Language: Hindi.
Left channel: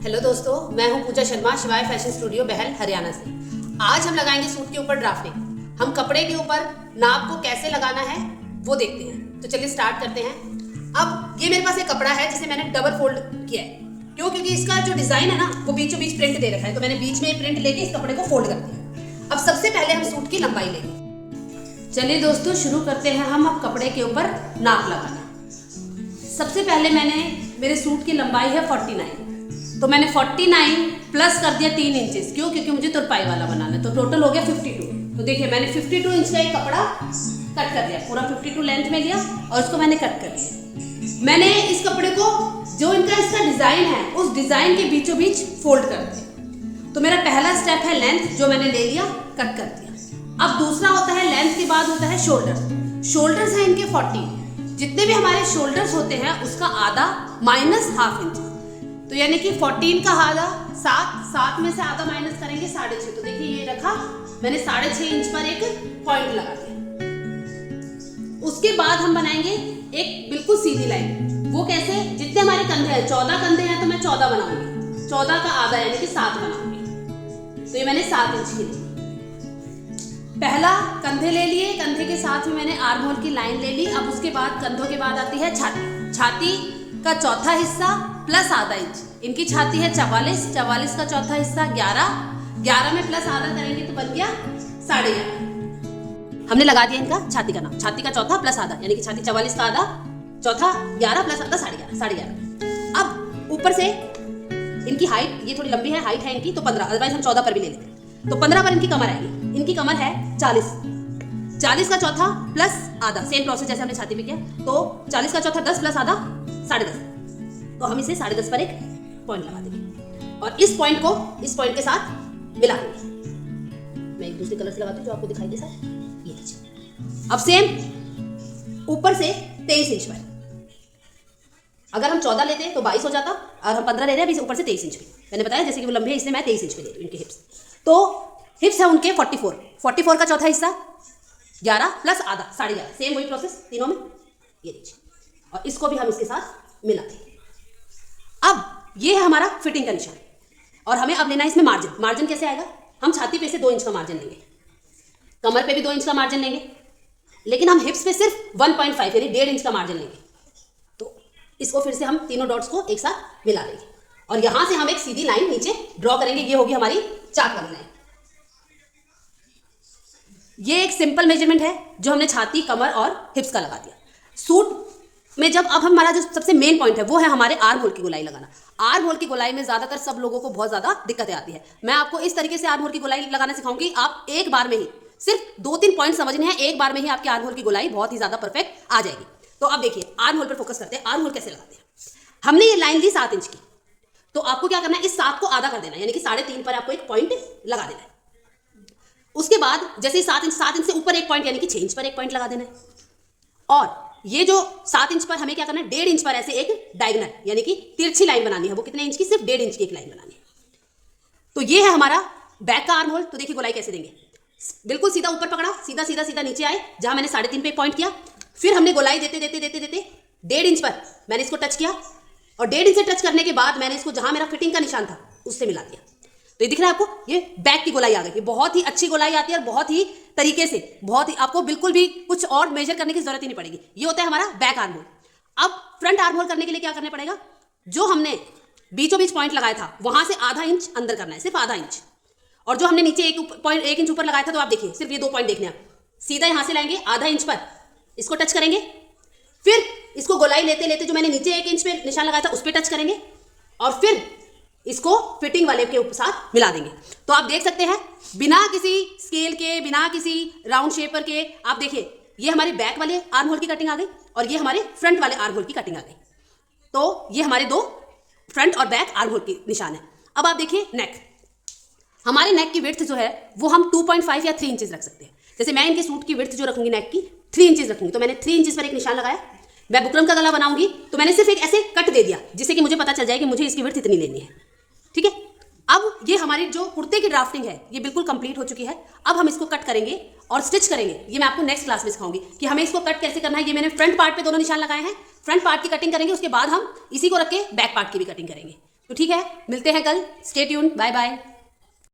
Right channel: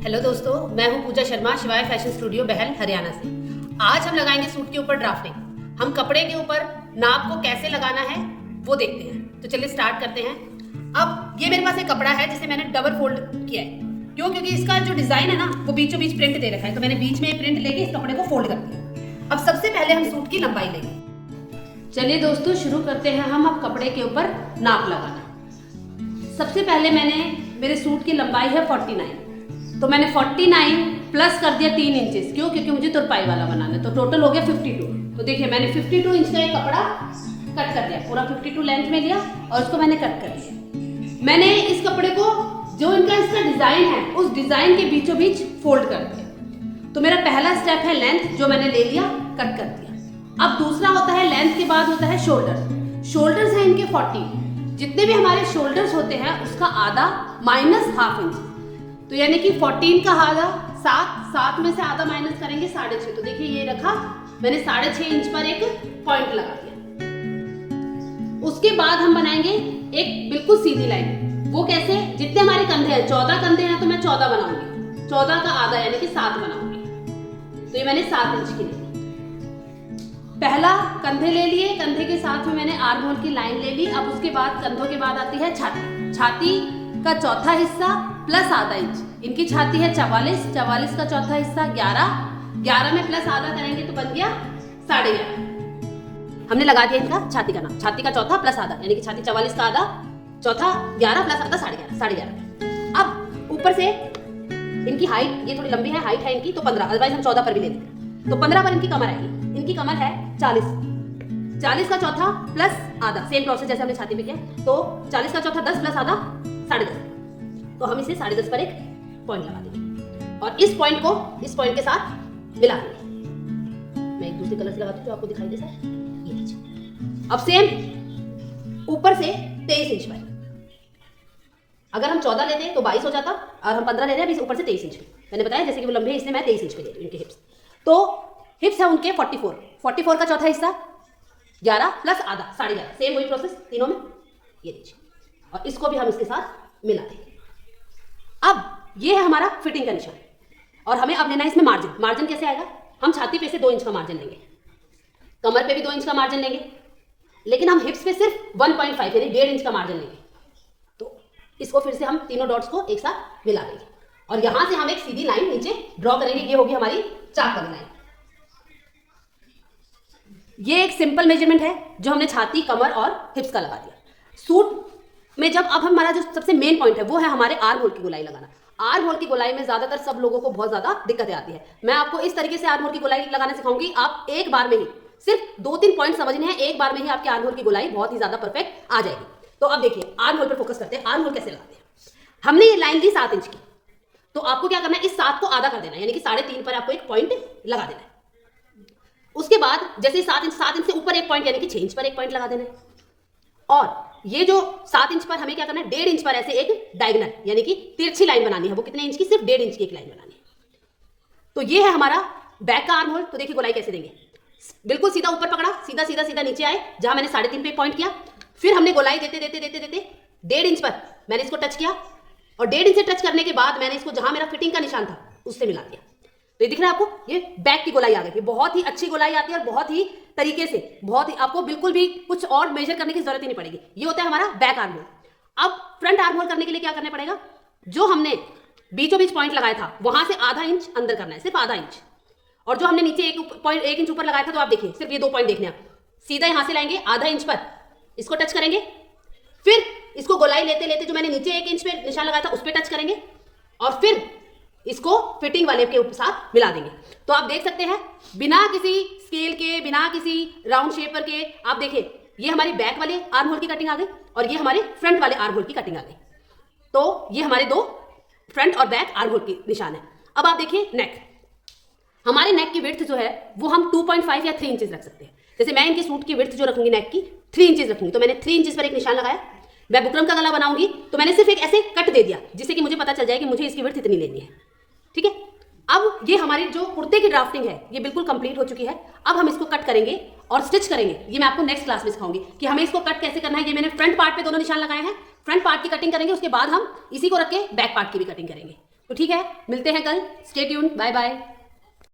हेलो दोस्तों, मैं हूं पूजा शर्मा, शिवाय फैशन स्टूडियो बहल हरियाणा से। आज हम लगाएंगे सूट के ऊपर ड्राफ्टिंग। हम कपड़े के ऊपर नाप को कैसे लगाना है वो देखते हैं। तो चलिए स्टार्ट करते हैं। अब ये मेरे पास एक कपड़ा है जिसे मैंने डबल फोल्ड किया है। क्यों? क्योंकि इसका जो डिजाइन है ना वो बीचों बीच प्रिंट दे रखा है, तो मैंने बीच में प्रिंट लेके इस कपड़े को फोल्ड कर दिया। अब सबसे पहले हम सूट की लंबाई लेंगे। चलिए दोस्तों शुरू करते हैं हम अब कपड़े के ऊपर नाप लगाना। सबसे पहले मेरे सूट की लंबाई है 49, तो मैंने 49 प्लस कर दिया 3 इंचेस। क्यों? क्योंकि मुझे तुरपाई वाला बनाना है, तो टोटल हो गया 52। तो देखिए मैंने 52 इंच का एक कपड़ा कट कर दिया, पूरा 52 लेंथ में लिया और उसको मैंने कट कर दिया। मैंने इस कपड़े को जो इसका डिजाइन है उस डिजाइन के बीचों बीच फोल्ड कर दिया। तो मेरा पहला स्टेप है लेंथ, जो मैंने ले लिया, कट कर दिया। अब दूसरा होता है लेंथ के बाद होता है शोल्डर। शोल्डर्स हैं इनके 40। जितने भी हमारे शोल्डर्स होते हैं उसका आधा माइनस हाफ इंच, तो यानी कि 14 का आधा 7 में से आधा माइनस करेंगे 6.5। तो देखिए ये रखा मैंने 6.5 इंच पर एक पॉइंट लगा दिया। उसके बाद हम बनाएंगे एक बिल्कुल सीधी लाइन। वो कैसे? जितने हमारे कंधे हैं, 14 कंधे हैं, तो मैं 14 बनाऊंगी। 14 का आधा यानी कि 7 बनाऊंगी। तो ये मैंने 7 इंच की ली। पहला कंधे ले लिए, कंधे के साथ में मैंने आर्म होल की लाइन ले ली। अब उसके बाद कंधों के बाद आती है छाती। छाती का चौथा हिस्सा प्लस आधा इंच। इनकी छाती है 44 का चौथा हिस्सा 11 में प्लस आधा करेंगे तो बन गया 11.5। हमने लगा दिया इनका छाती का नाम। छाती का चौथा प्लस आधा यानी कि छाती 44 का आधा, चौथा 11 प्लस आधा 11.5। अब ऊपर से इनकी हाइट, ये थोड़ी लंबी है, हाइट है इनकी तो 15, अदरवाइज हम 14 पर भी ले लेते हैं। तो 15 पर इनकी कमर आएगी। इनकी कमर है 40 का चौथा प्लस आधा, सेम प्रोसेस जैसे हमने छाती पे किया। तो 40 का चौथा 10 प्लस आधा 10.5। तो हम इसे 10.5 पर एक पॉइंट लगा देंगे और इस पॉइंट को इस पॉइंट के साथ मिला देंगे। मैं एक दूसरे कलर से लगाती हूँ जो आपको दिखाई दे सर। ये लीजिए। अब सेम ऊपर से 23 इंच पर, अगर हम 14 लेते हैं तो 22 हो जाता, और हम 15 ले रहे हैं अभी ऊपर से 23 इंच पे। मैंने बताया जैसे कि वो लंबे है इसलिए मैं 23 इंच पे ले रही हूँ इनके हिप्स। तो हिप्स है उनके 44 का चौथा हिस्सा 11 प्लस आधा 11.5, सेम वही प्रोसेस तीनों में। ये लीजिए और इसको भी हम इसके साथ मिला देंगे। अब ये है हमारा फिटिंग का निशान और हमें अब लेना है इसमें मार्जिन। मार्जिन कैसे आएगा? हम छाती पे से 2 इंच का मार्जिन लेंगे, कमर पे भी 2 इंच का मार्जिन लेंगे, लेकिन हम हिप्स पे सिर्फ 1.5 यानी 1.5 इंच का मार्जिन लेंगे। तो इसको फिर से हम तीनों डॉट्स को एक साथ मिला देंगे और यहां से हम एक सीधी लाइन नीचे ड्रॉ करेंगे। ये होगी हमारी चाक वाली लाइन। ये एक सिंपल मेजरमेंट है जो हमने छाती, कमर और हिप्स का लगा दिया। सूट में जब अब हमारा जो सबसे मेन पॉइंट है वो है हमारे आर्म होल की गोलाई लगाना। आर्म होल की गोलाई में ज्यादातर सब लोगों को बहुत ज्यादा दिक्कतें आती है। मैं आपको इस तरीके से आर्म होल की गोलाई लगाना सिखाऊंगी। आप एक बार में ही सिर्फ 2-3 पॉइंट समझने हैं, एक बार में ही आपके आर्म होल की गोलाई बहुत ही ज्यादा परफेक्ट आ जाएगी। तो अब देखिए आर्म होल पर फोकस करते हैं। आर्म होल कैसे लगाते हैं? हमने ये लाइन दी 7 इंच की, तो आपको क्या करना है, इस 7 को आधा कर देना है यानी कि 3.5 पर आपको एक पॉइंट लगा देना है। उसके बाद जैसे 7 इंच से ऊपर एक पॉइंट यानी कि 6 इंच पर एक पॉइंट लगा देना है। और ये जो 7 इंच पर हमें क्या करना है, 1.5 इंच पर ऐसे एक डायगोनल यानी कि तिरछी लाइन बनानी है। वो कितने इंच की? सिर्फ 1.5 इंच की एक लाइन बनानी है। तो ये है हमारा बैक का आर्म होल। तो देखिए गोलाई कैसे देंगे, बिल्कुल सीधा ऊपर पकड़ा, सीधा सीधा सीधा नीचे आए, जहां मैंने 3.5 पे पॉइंट किया। फिर हमने गोलाई देते देते देते देते 1.5 इंच पर मैंने इसको टच किया और 1.5 इंच से टच करने के बाद मैंने इसको जहां मेरा फिटिंग का निशान था उससे मिला दिया। तो ये दिख रहा है आपको, ये बैक की गोलाई आ गई। बहुत ही अच्छी गोलाई आती है और बहुत ही तरीके से, बहुत ही आपको बिल्कुल भी कुछ और मेजर करने की जरूरत ही नहीं पड़ेगी। ये होता है हमारा बैक आर्म होल। अब फ्रंट आर्म होल करने के लिए क्या करना पड़ेगा, जो हमने बीचों बीच पॉइंट लगाया था वहां से आधा इंच अंदर करना है, सिर्फ आधा इंच। और जो हमने नीचे 1 इंच ऊपर लगाया था, तो आप देखिए सिर्फ ये 2 पॉइंट देखने आप सीधा यहां से लाएंगे, आधा इंच पर इसको टच करेंगे। फिर इसको गोलाई लेते लेते जो मैंने नीचे 1 इंच पे निशान लगाया था उस पर टच करेंगे और फिर इसको फिटिंग वाले के साथ मिला देंगे। तो आप देख सकते हैं बिना किसी स्केल के, बिना किसी राउंड शेपर के, आप देखिए ये हमारे बैक वाले आर्म होल की कटिंग आ गई और ये हमारे फ्रंट वाले आर्म होल की कटिंग आ गई। तो ये हमारे 2 फ्रंट और बैक आर्म होल की निशान है। अब आप देखिए नेक, हमारे नेक की विड्थ जो है वो हम 2.5 या 3 इंचेस रख सकते हैं। जैसे मैं इनके सूट की विड्थ जो रखूंगी नेक की 3 इंचेस रखूंगी, तो मैंने 3 इंचेस पर एक निशान लगाया। मैं बुकरम का गला बनाऊंगी तो मैंने सिर्फ एक ऐसे कट दे दिया जिससे कि मुझे पता चल जाए कि मुझे इसकी विड्थ इतनी लेनी है। ठीक है, अब ये हमारी जो कुर्ते की ड्राफ्टिंग है ये बिल्कुल कंप्लीट हो चुकी है। अब हम इसको कट करेंगे और स्टिच करेंगे। ये मैं आपको नेक्स्ट क्लास में सिखाऊंगी कि हमें इसको कट कैसे करना है। ये मैंने फ्रंट पार्ट पे दोनों निशान लगाए हैं, फ्रंट पार्ट की कटिंग करेंगे, उसके बाद हम इसी को रख के बैक पार्ट की भी कटिंग करेंगे। तो ठीक है, मिलते हैं कल, स्टे ट्यून, बाय बाय।